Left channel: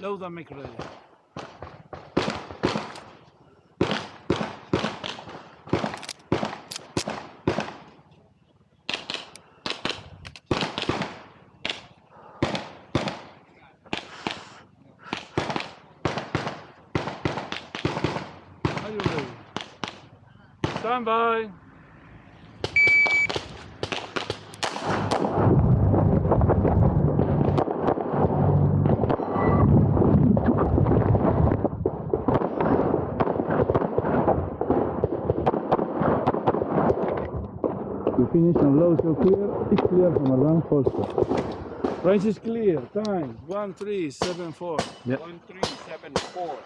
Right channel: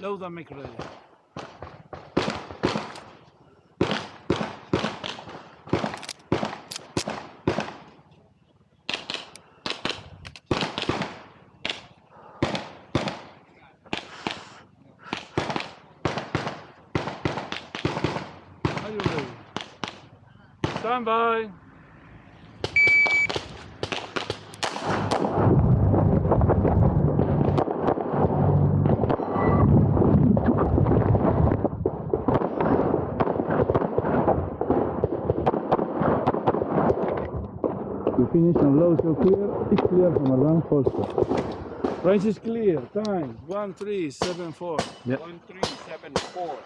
Load and make ready. Are you ready? Stand by. We finish and load so clear. It's clear from around holster. Range is clear. Time 1374. Yep. 1374.